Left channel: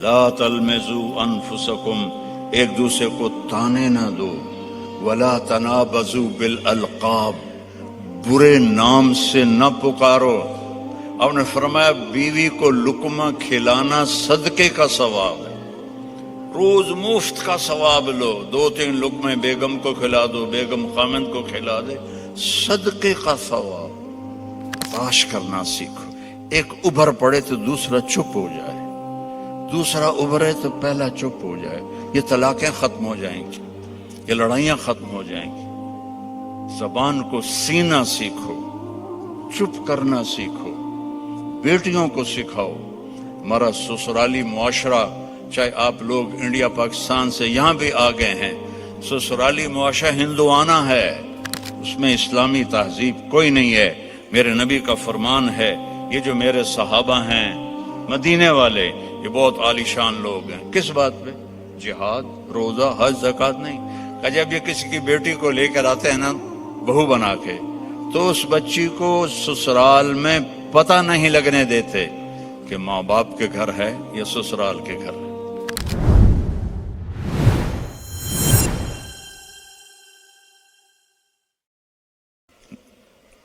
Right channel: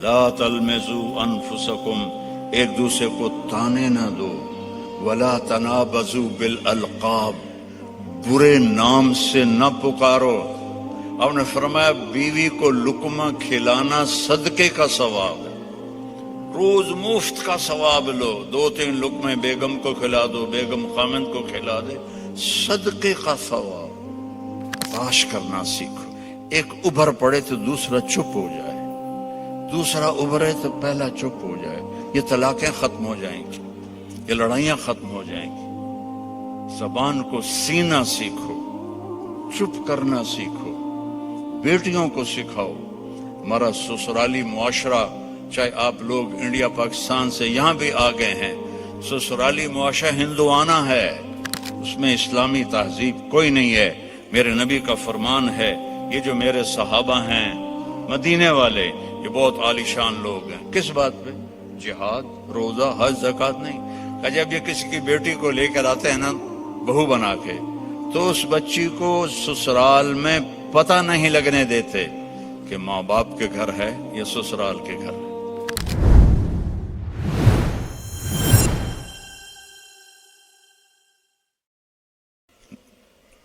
لا تلمزوا انفسکم، ایک دوسرے کو تانے نہ دو، ولا تنابزوا بالالقاب، برے نام سے نہ پکارو۔ آپ نے فرمایا بیوی کو لقمہ کھلانا صدقے کا ثواب ہے، روز مفت کا ثواب لو، 2-3 لقمے بیگم کو کھلا دو، بیگم خامند کو کھلا دے، صدقے کا ثواب۔ باش کرنا سیکھو، ایک ابھر پڑے تو دوسرا چپ ہو جائے، دوسرا ابھرے تو پہلا چپ ہو جائے، یہ طلاقیں ختم ہو جائیں گی، یہ لڑائیاں ختم ہو جائیں گی۔ زبان کو سینا سیکھو، چپ کرنا سیکھو، بیٹیوں کو سکھاؤ۔ ہمارا سسرالی معاشرہ، چاہے آپ لوگ انڈیا پاکستان سے یہاں بھی آ گئے ہیں، سسرالی معاشرہ ہندوانہ ہے، اس میں اسلامی تہذیب کوئی نہیں ہے۔ میرے نبی کا فرمان ہے، یہ جو میرے صحابہ ہیں مدینے والے، یہ بہت عالی شان لوگ ہیں۔ کس بات پہ؟ جہاد، روزہ، حج، زکوٰۃ نہیں۔ جب یہ کسی کی بیٹی کو لے کر آتے ہیں نا بہو بنا کے، تو اس بچی کو سسرال میں پتہ نہیں لگنے دیتے کہ ماں باپ کے گھر ہے یا سسرال کے گھر ہے۔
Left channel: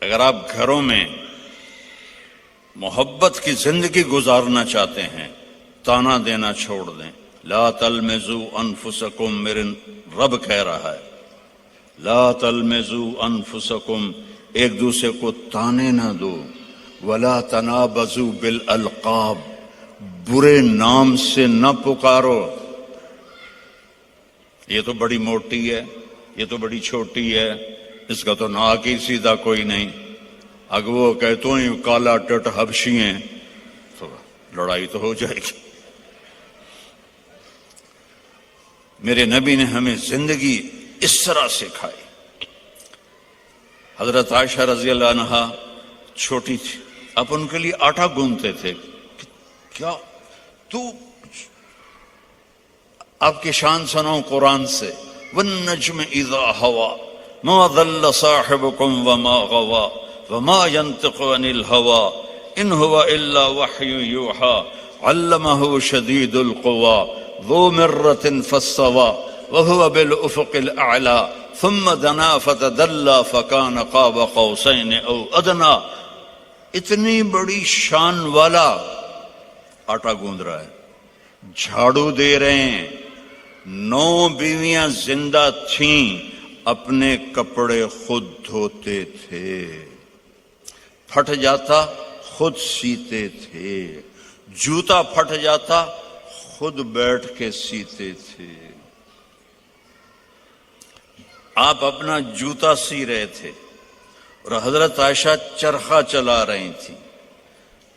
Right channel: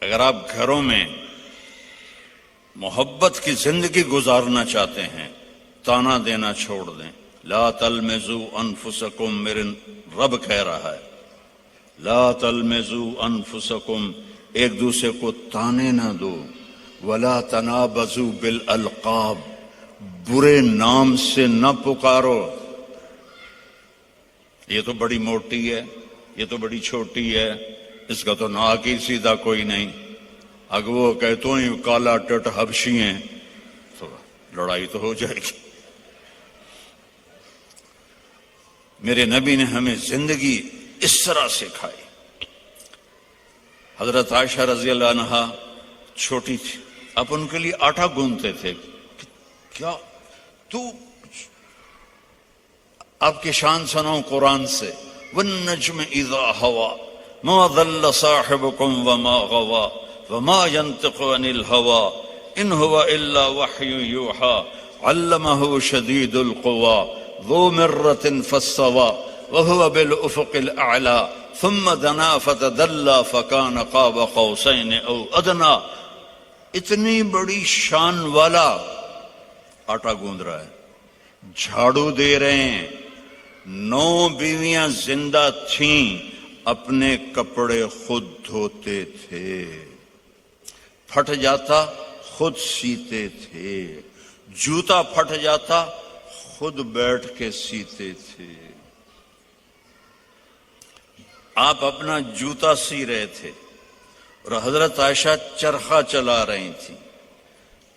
اگر آپ گھروں میں محبت کی زندگی گزارنا چاہتے ہیں، تانا دینا چھوڑ دیں۔ لا تلمزوا انفسکم، میرے رب کہہ رہا ہے، لا تلمزوا انفسکم، ایک دوسرے کو تانے نہ دو، ولا تنابزوا بالالقاب، برے نام سے نہ پکارو۔ یہ تو بڑی موٹی ہے، یہ تو بڑی چھوٹی ہے، اس کا تو ناک ہی سیدھا کوئی نہیں، اگر وہ کہ تو ہی کالا ٹٹ حبشی ہیں، تو لڑائی تو ہو جائے گی۔ میرے نبی نے ہمیں زندگی اس طرح سکھائی۔ حضرت عائشہ رضی اللہ عنہا چھوٹی تھی، آپ ان کے لیے آٹا گوندتے تھے۔ کیا تو آپ کی شان سناؤں قرآن سے، والنجم اذا ہوا ما ضل صاحبكم وما غوا وما ينطق عن الهوى ان هو الا وحي يوحى علمه شديد القوى ذو مرة فاستوى وهو بالافق الاعلى ثم دنا فتدلى فكان قاب قوسين او ادنى۔ اتنی بڑی شان والا آٹا گوندھ رہا ہے، جھاڑو دے رہے ہیں۔ 9 بیویاں زندہ تھیں، اپنے کپڑے خود دھوتے تھے، پھٹ جاتا خود سیتے تھے، جوتا پھٹ جاتا خود بیٹھ کے سیتے تھے۔ آپ اپنا جوتا سی رہے تھے اور حضرت عائشہ چرخہ چلا رہی تھی۔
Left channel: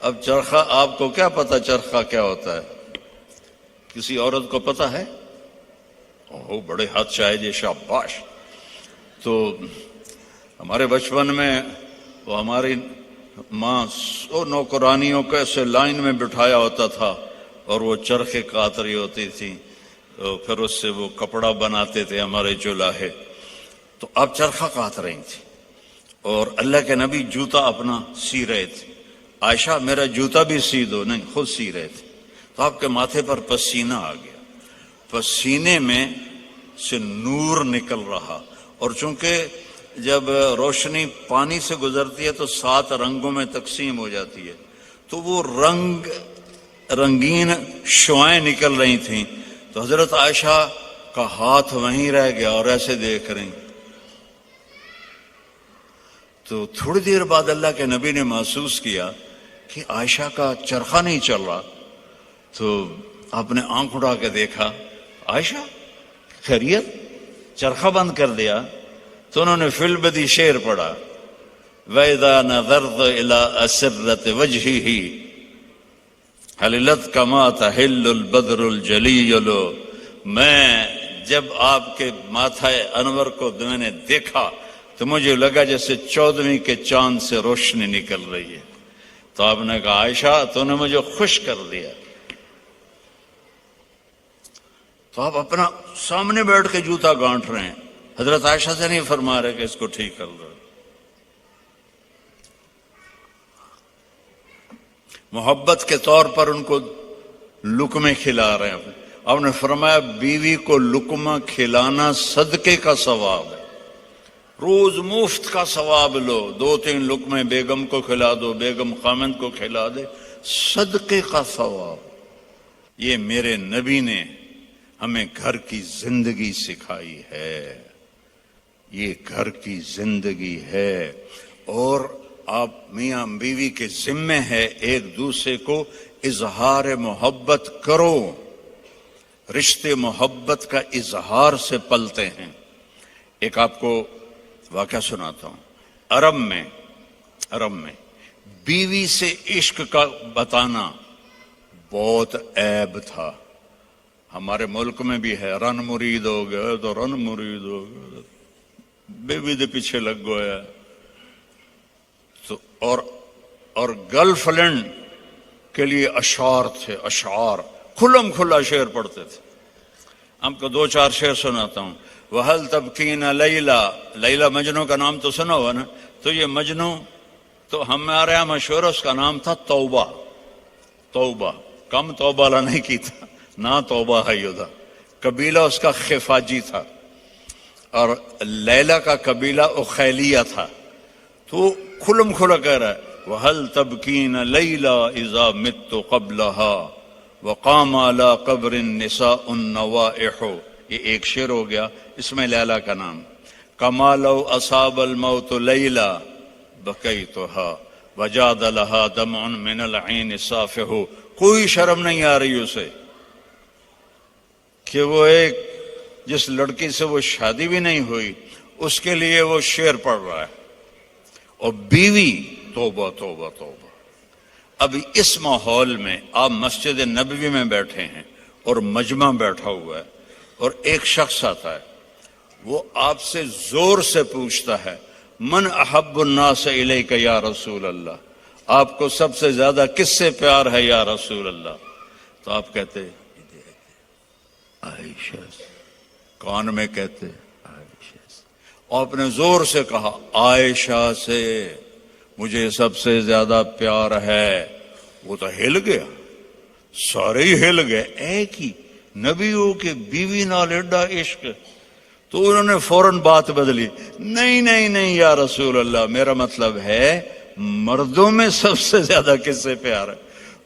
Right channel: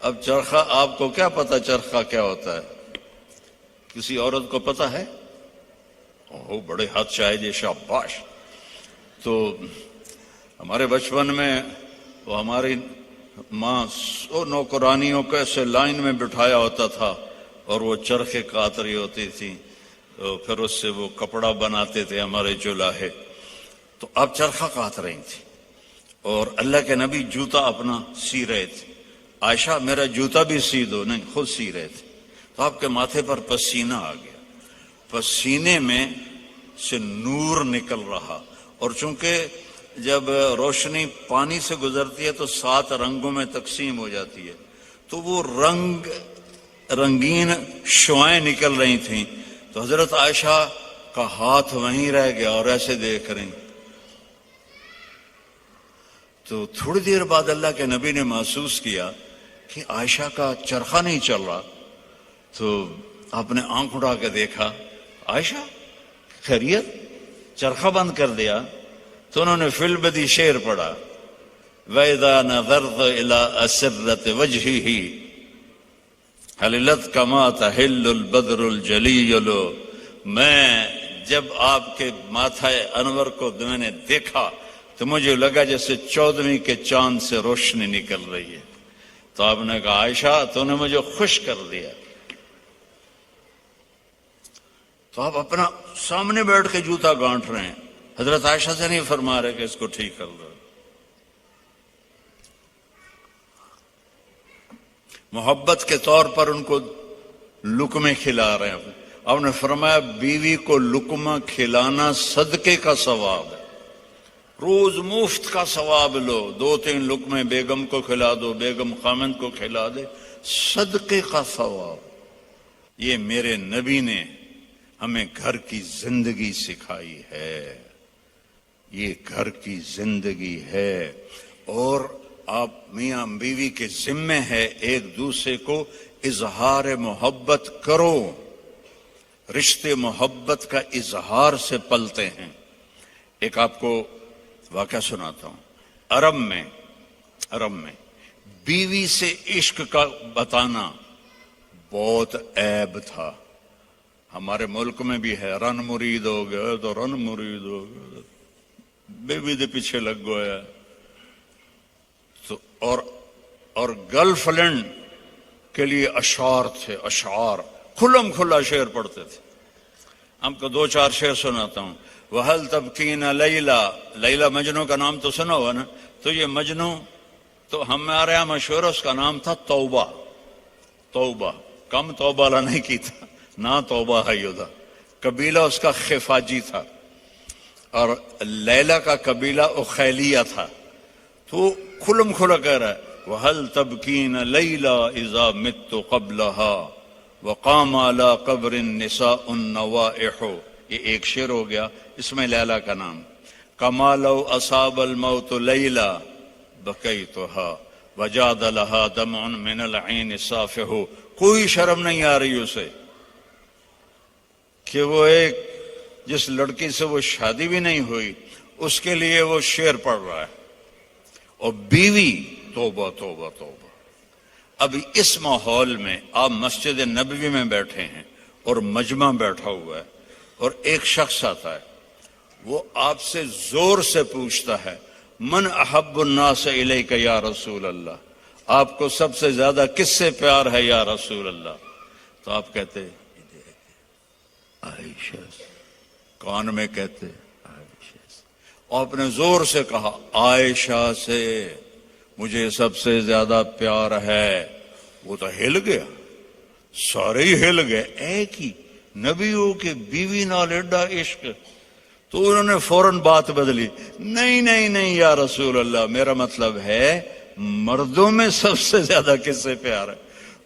اب چرخہ، آپ کو کیا پتا چرخہ کیا ہوتا ہے؟ کسی عورت کو پتا ہے؟ اوہ بڑے ہاتھ شاید، یہ شاباش۔ تو ہمارے بچپن میں وہ ہماری ماں نوکرانیوں کو ایسے لائن میں بٹھایا ہوتا تھا اور وہ چرخے کاٹ رہی ہوتی تھی، پھر اس سے وہ کپڑا بناتے تھے ہمارے جولاہے۔ تو آپ چرخہ کاٹ رہی تھی اور اللہ کے نبی جوتا اپنا سی رہے تھے۔ عائشہ میرا جوتا بھی سی دو، نہیں خود سی رہے تھے۔ تو آپ کے ماتھے پر پسینہ آ گیا، پسینے میں سے نور نکل رہا، اور چونکہ جب روشنی پانی سے گزرتی ہے تو 7 رنگوں میں تقسیم ہو جاتی ہے، تو وہ رنگین شعائیں نکل رہی تھیں۔ تو حضرت عائشہ کا ہاتھ وہیں رہ گیا اور ایسے دیکھ رہی۔ تو تھوڑی دیر بعد اللہ کے نبی نے محسوس کیا کہ عائشہ کا چرخہ نہیں چل رہا، تو آپ نے آنکھ اٹھا کے دیکھا، عائشہ خیریت؟ چرخہ بند کر دیا؟ تو انہوں نے فی البدی شعر پڑھا، وَإِذَا نَظَرْتَ إِلَىٰ أَسِرَّةِ وَجْهِهِ حَلِلَتْ كَمَا تَحِلُّ الْبَدْرُ الْجَلِيُّ۔ میں جب آپ کے ماتھا انور کو میں نے دیکھا تو مجھے لگا جیسے 14ویں کے چاند سے روشنی نکل رہی ہے۔ تو آپ نے کہا عائشہ تو نے مجھے خوش کر دیا۔ تو آپ اپنا سامنے بیٹھ کے جوتا گانٹ رہے ہیں، حضرت عائشہ سے نہیں فرما رہے کہ اس کو ٹھیک کر لو۔ محبت کے طور پر ان کو لقمے کھلا رہے ہیں. آپ نے فرمایا بیوی کو لقمہ کھلانا صدقے کا ثواب ہے. روز مفت کا ثواب لو، 2-3 لقمے بیگم کو کھلا دو، بیگم خامند کو کھلا دے، صدقے کا ثواب. یہ میرے نبی نے ہمیں گھر کی زندگی سکھائی ہے، یہ گھر کی زندگی ہے. اور آپ میاں بیوی کے ذمے ہے ایک دوسرے کو اظہار محبت کرو. رشتے محبت کا اظہار سے پلتے ہیں. ایک آپ کو واقعہ سناتا ہوں. عرب میں بیوی سے عشق کا بتانا بہت عیب تھا. ہمارے ملک میں بھی ہے، رن مرید ہو گیا تو رن مرید ہو گیا، بیوی دے پیچھے لگ گیا. اور گرل فرینڈ کے لیے اشعار تھے، اشعار کھلم کھلا شعر پڑھتے تھے. ہم کو 2-4 شعر سناتا ہوں. وَهَلْ تَبْكِينَ لَيْلَا، لیلا مجنو کا نام تو سنا ہوا نا. تو یہ مجنو تو ہمارے یہاں مشہور، اس کا نام تھا توبہ. توبہ کم توبہ لا نہیں کی تھا، نہ توبہ ہے یودا. قبیلہ اس کا خفاجی تھا اور لیلا کا قبیلہ اخیلیہ تھا. تو کھلم کھلا کہہ رہا ہے وَهَلْ تَبْكِينَ لَيْلَا إِذَا مِتُّ قَبْلَهَا وَقَامَ عَلَى قَبْرِ النِّسَاءُ النَّوَائِحُ. یہ ایک شعر ہو گیا، اس میں لیلا کا نام. كَمَا لَوْ أَصَابَ الْمَوْتُ لَيْلَا بَكَيْتُهَا وَجَادَ لَهَا دَمْعٌ مِّنَ الْعَيْنِ صَافِحُ. کوئی شرم نہیں آ رہی اسے کہ وہ ایک جس لڑکی سے وہ شادی بھی نہیں ہوئی اس کے لیے وہ شعر پڑھ رہا ہے. اور بیوی توبہ توبہ توبہ. اب اس ماحول میں آپ مسجد نبوی میں بیٹھے ہیں اور مجمع بیٹھا ہوا ہے اور ایک شخص آتا ہے، وہ آپ سے زور سے پوچھتا ہے من احب الناس الیک یا رسول اللہ، آپ کو سب سے زیادہ کس سے پیار ہے یا رسول اللہ؟ تو آپ کہتے عائشہ. کان میں کہتے عائشہ. آپ نے زور سے کہا عائشہ سے مجھے سب سے زیادہ پیار ہے. وہ تو ہل گیا، سارے ہی ہل گئے. ایک ہی نبیوں کے بیوی نال ایڈا عشق. تو انہوں نے فوراً بات بدلی، نہیں نہیں نہیں یا رسول اللہ، میرا مطلب ہے مردوں میں سب سے زیادہ کس سے پیار ہے.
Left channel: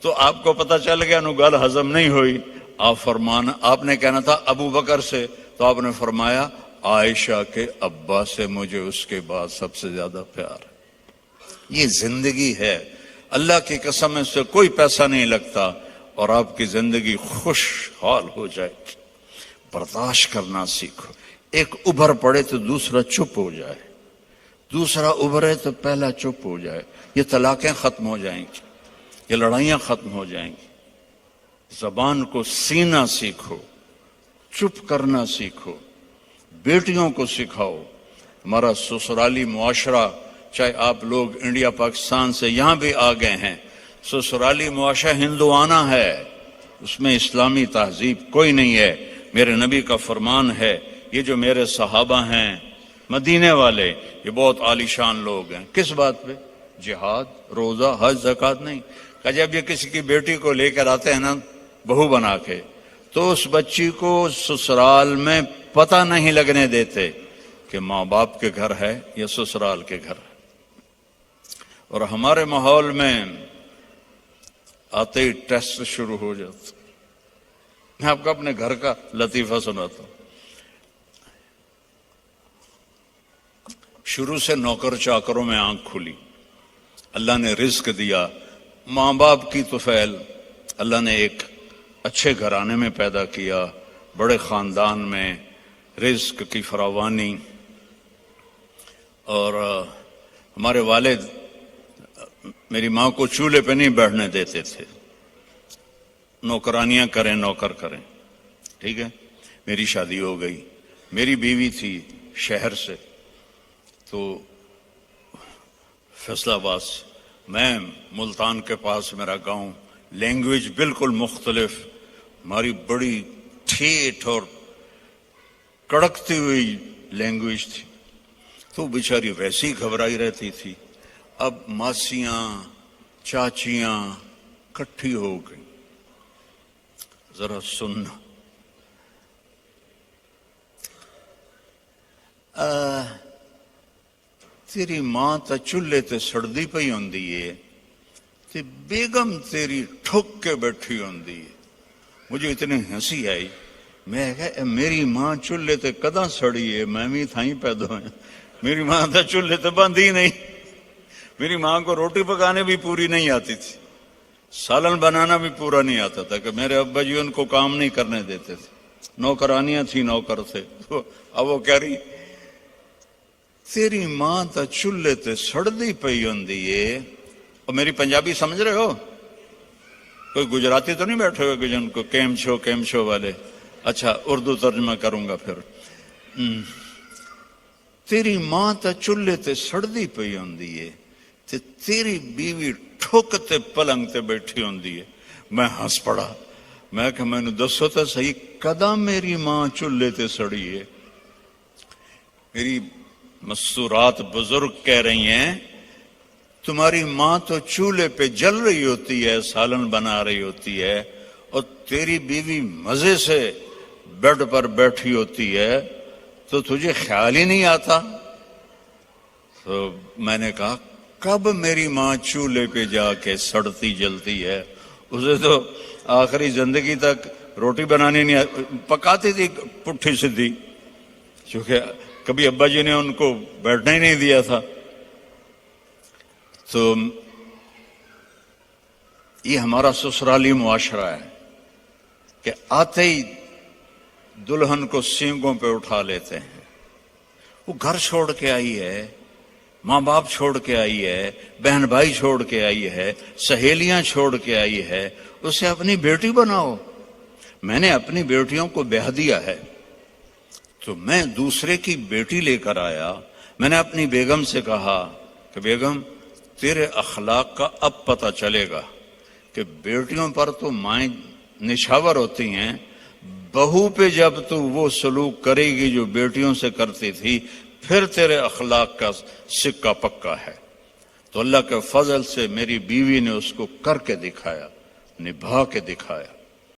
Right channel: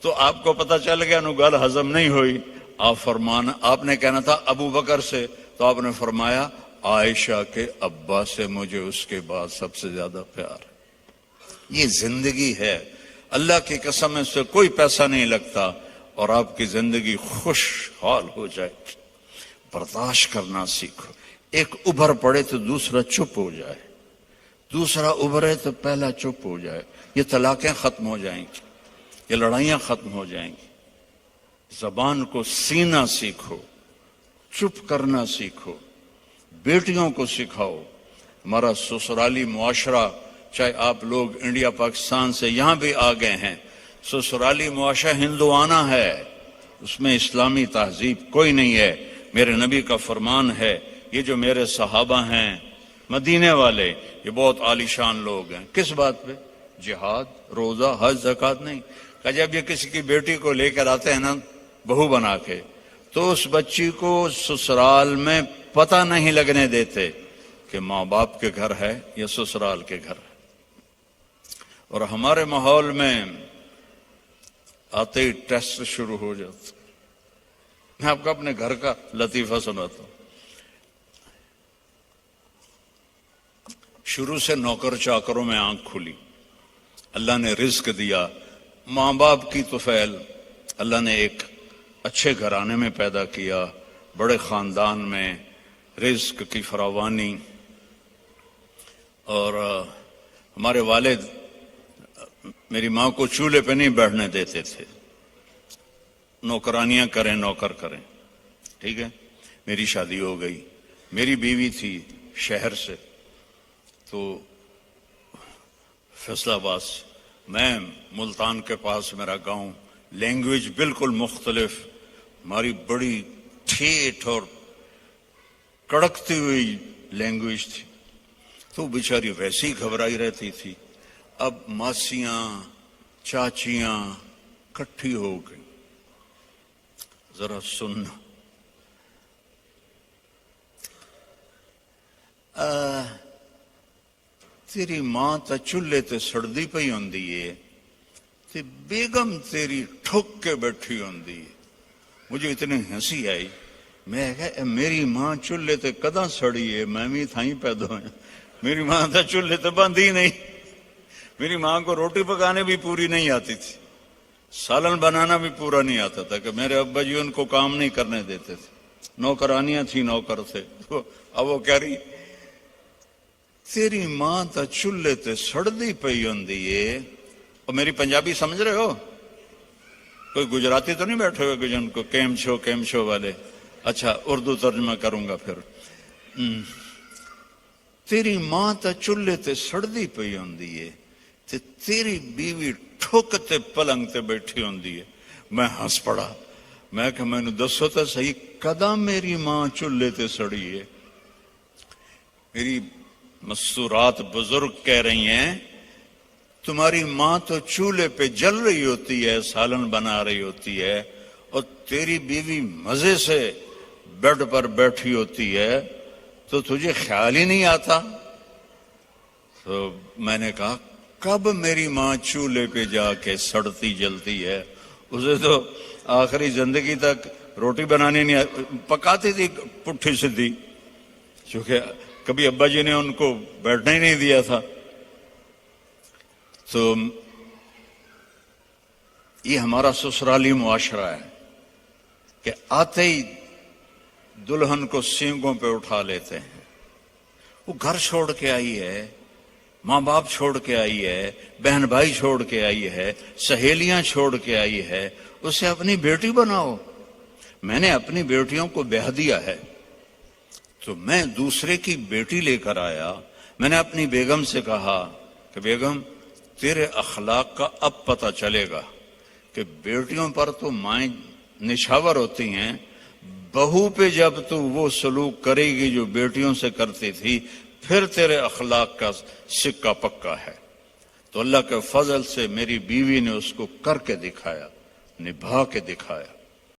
تو آپ کو پتہ چل گیا نو گل ہضم نہیں ہوئی. آپ نے کہنا تھا ابو بکر سے، تو آپ نے فرمایا عائشہ کے ابا سے مجھے اس کے بعد سب سے زیادہ پیار ہے. یہ زندگی ہے. اللہ کی قسم اس سے کوئی پیسہ نہیں لگتا اور آپ کی زندگی خوشحال ہو جائے. برداشت کرنا سیکھو. ایک ابھر پڑے تو دوسرا چپ ہو جائے، دوسرا ابھرے تو پہلا چپ ہو جائے. یہ طلاقیں ختم ہو جائیں گی، یہ لڑائیاں ختم ہو جائیں گی. زبان کو سینا سیکھو، چپ کرنا سیکھو. بیٹیوں کو سکھاؤ. ہمارا سسرالی معاشرہ، چاہے آپ لوگ انڈیا پاکستان سے یہاں بھی آ گئے ہیں، سسرالی معاشرہ ہندوانہ ہے، اس میں اسلامی تہذیب کوئی نہیں ہے. میرے نبی کا فرمان ہے، یہ جو میرے صحابہ ہیں مدینے والے، یہ بہت عالی شان لوگ ہیں. کس بات پہ؟ جہاد، روزہ، حج، زکوٰۃ نہیں. کہ جب یہ کسی کی بیٹی کو لے کر آتے ہیں نا بہو بنا کے، تو اس بچی کو سسرال میں پتہ نہیں لگنے دیتے کہ ماں باپ کے گھر ہے یا سسرال کے گھر ہے. اور ہمارے ماحول میں آتے ہی ٹیسٹ شروع ہو جاتا. میں آپ کو اپنے گھر کا لطیفہ سناتا ہوں. شروع سے نوکر چاکروں میں آنکھ کھلی، اللہ نے رزق دیا. ماں باپ کی طفیل اللہ نے ایک اچھے گھرانے میں پیدا کیا، بڑے خاندان میں، رزق کی فراوانی. اور ہمارے والد میری ماں کو چولہے پہ نہیں بیٹھنے دیتے تھے، نوکرانیاں کریں، نوکر کریں. ٹھیک ہے، میری شادی ہو گئی. میری بیوی تھی شہر سے، تو فیصلہ آباد، میں ملتان کے پاس میرا گاؤں. لینگویج بالکل مختلف، ہماری بڑی ٹھیٹ اور کڑکتی ہوئی لینگویج تھی. تو بیچاری ویسی گھبرائی رہتی تھی. اب ماسیاں چاچیاں کٹھی ہو گئی. ذرا سننا. تیری ماں تا چولہے تے سڑدی پئی ہوندی ہے کہ بیگم تیری ٹھک کے بیٹھی ہوندی ہے. مجھے اتنی ہنسی آئی. میں کہا میری ماں چولہے تے کداں سڑی ہے؟ میں بھی تھائیں پیدا ہوئے. میری ماں تا چولہے تے بندھی نہیں. میری ماں کو روٹی پکانے بھی پوری نہیں آتی تھی, سالن بنانا بھی پورا نہیں آتا تھا, کہ میرے ابا جی ان کو کام نہیں کرنے دیتے تھے. نوکرانیاں تھی, نوکر تھے. اب وہ کہہ رہی تیری ماں تا چولہے تے سڑدی پئی ہوندی ہے. اور میری پنجابی سمجھ رہے ہو؟ کوئی گجراتی تو نہیں بیٹھے ہوئے کہ جن کو کیم شو والے. اچھا اردو ترجمہ کروں گا پھر. تیری ماں تا چولہے تے سڑدی پئی ہوندی ہے تے تیری بیوی ٹھک تے پلنگ تے بیٹھی ہوندی ہے. میں ہنس پڑا. میں کہ میں نے دسو تو صحیح کداں میری ماں چولہے تے سڑی ہے؟ میری مستورات بزرگ کہہ رہی ہیں تمہاری ماں تو چولہے پہ جل رہی ہوتی ہے, سالن بنا رہی ہوتی ہے, اور تیری بیوی مزے سے بیڈ پر بیٹھی ہوتی ہے, تو تجھے خیال ہی نہیں آتا. تو میں نے کہا کب میری ماں چولہے پہ جا کے سڑتی جلتی ہے؟ اسے تو آخری زندگی تک روٹی بنانی نہیں پکاتی تھی پٹھی سدھی, کیونکہ کبھی ابا جی نے ان کو بیٹھنے ہی نہیں دیا تھا. تو یہ ہمارا سسرالی معاشرہ ہے کہ آتے ہی دلہن کو سینگوں پہ اٹھا لیتے ہیں. وہ گھر چھوڑ کے آئی ہے, ماں باپ چھوڑ کے آئی ہے, بہن بھائی چھوڑ کے آئی ہے, سہیلیاں چھوڑ کے آئی ہے, اسے اپنی بیٹی بناؤ. میں نے اپنی بیٹیوں کو بیاہ دیا ہے تو میں دوسرے کی بیٹی لے کر آیا. میں نے اپنی بیگم سے کہا کہ بیگم تیرے اخلاق کا اب پتہ چلے گا کہ بیٹیوں پر تو مائیں نشاور ہوتی ہیں, بہو پہ جب تو وہ سلوک کرے گی جو بیٹیوں سے کرتی تھی پھر تیرے اخلاق کا سکہ پکا ہے. تو اللہ کے فضل سے میری بیوی نے اس کو کر کے دکھایا, نبھا کے دکھایا.